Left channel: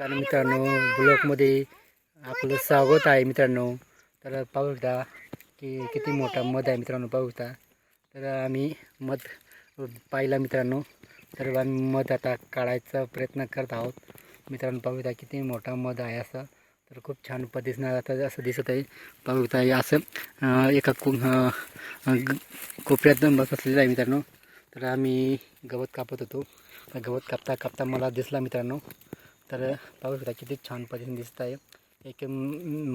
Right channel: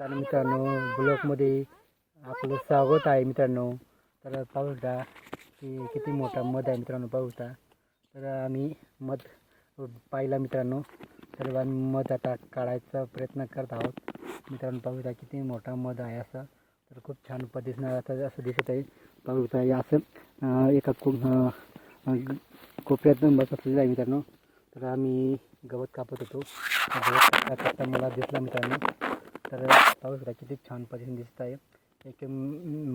नमस्कार मित्रांनो ब्लॉकमध्ये आपलं स्वागत आहे मित्रांनो. तर पाहू शकता की किती मोठा मध आहे मित्रांनो पाहू शकता. तर आम्ही मध पाहिला मित्रांनो. तर आम्ही मध आता काढायचा प्रयत्न करत आहोत. मित्रांनो पाहू शकता किती मोठा मध आहे असं. तर खूप छान पद्धतीनं आता असं दिसत आहे. पाहू शकता असं एका को कोपऱ्यात बसलेलं आहे मित्रांनो. तर आम्ही गवत कापत होतो. गवत कापता कापता मला दिसला मित्रांनो. तर पाहू शकता किती छान पद्धतीने दिसत आहे. एक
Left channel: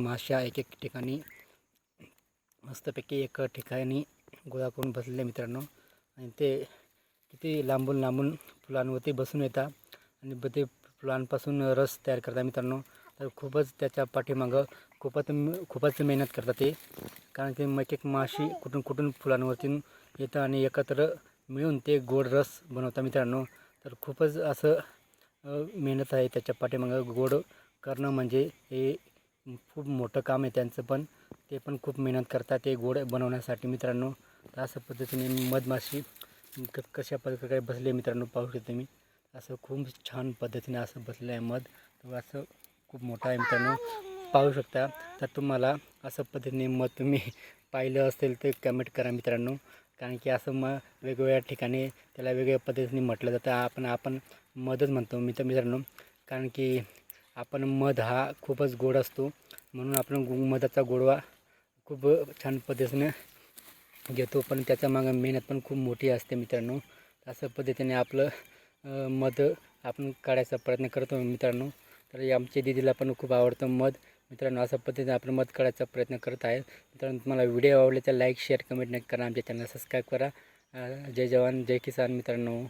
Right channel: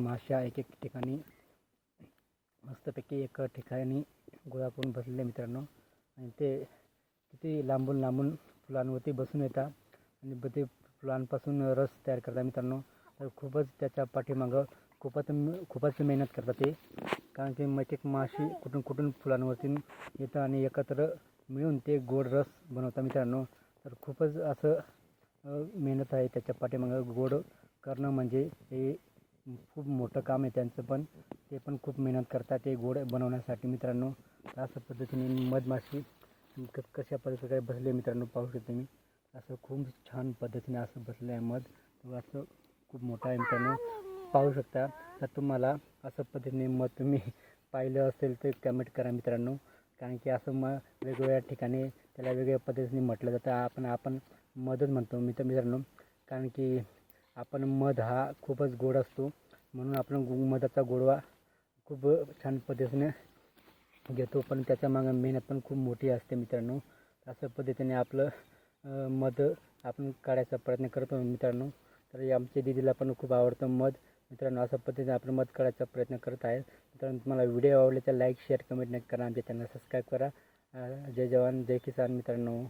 माशा एक एक ठिकाणी मस्तपैकी एक ठिकाणी गोळा करून बसलेले मित्रांनो. आणि ते किती लांबून लांबून फुलांवरती बसून येतात. आणि ब ते फुलांपासून रस तयार करतात मित्रांनो. तर खूपच त्याच्या पाठीमागं खूपच खूपच मेहनत करतात ते. कारण ते मग एक माशी कुठून कुठून फुलांवरती येतं आणि एकत्र मिळून ते गोड रस बनवतात मित्रांनो. तर खूपच असं मेहनत आहे त्याच्या पाठीमागं गोड करणं म्हणजे हे खूप मोठं काम आहे त्यांचं पण. ते पण खूप मेहनत करतात ते गोड बनवण्यासाठी. मित्रांनो तर अशा पद्धतीने मधमाशी क कशा प्रकारे बसले मित्रांनो पाहू शकतो मी असं खूप छान पद्धतीने असं बसलं आहे मध. तर असं खूप मोठं आहे मित्रांनो. पाहू शकता. तर तुम्हाला असं पद्धतीने मध तुम्ही पाहिलं असेल तर कमेंट करा मित्रांनो. कारण की असं मग वेगवेगळ्या ठिकाणी त्याला वेगवेगळ्या पद्धतीने म्हटलं जातं. आपण आपण मधच म्हणतो मित्र मित्रांनो. कारण की आपण मध हा खूपच गोड असतो. म्हणून आपण मधाचा गोडवा खूप छान पद्धतीने घेतो. पण त्याच्या मागं मेहनत पण खूप मोठी असते मित्रांनो. असं पद्धतीने आपलं मध आपण काढायचा प्रयत्न करतो मित्रांनो. तर आमच्या दिदीला पण खूप आवडतं मध. मित्रांनो अशा पद्धतीने आपण मध काढायचा प्रयत्न करत आहे. मित्रांनो तुम्हाला व्हिडिओ आवडले तर लाईक शेअर कमेंट नक्की करा. आमच्या चॅनल सबस्क्राईब करा. जय जवान जय किसान मित्रांनो.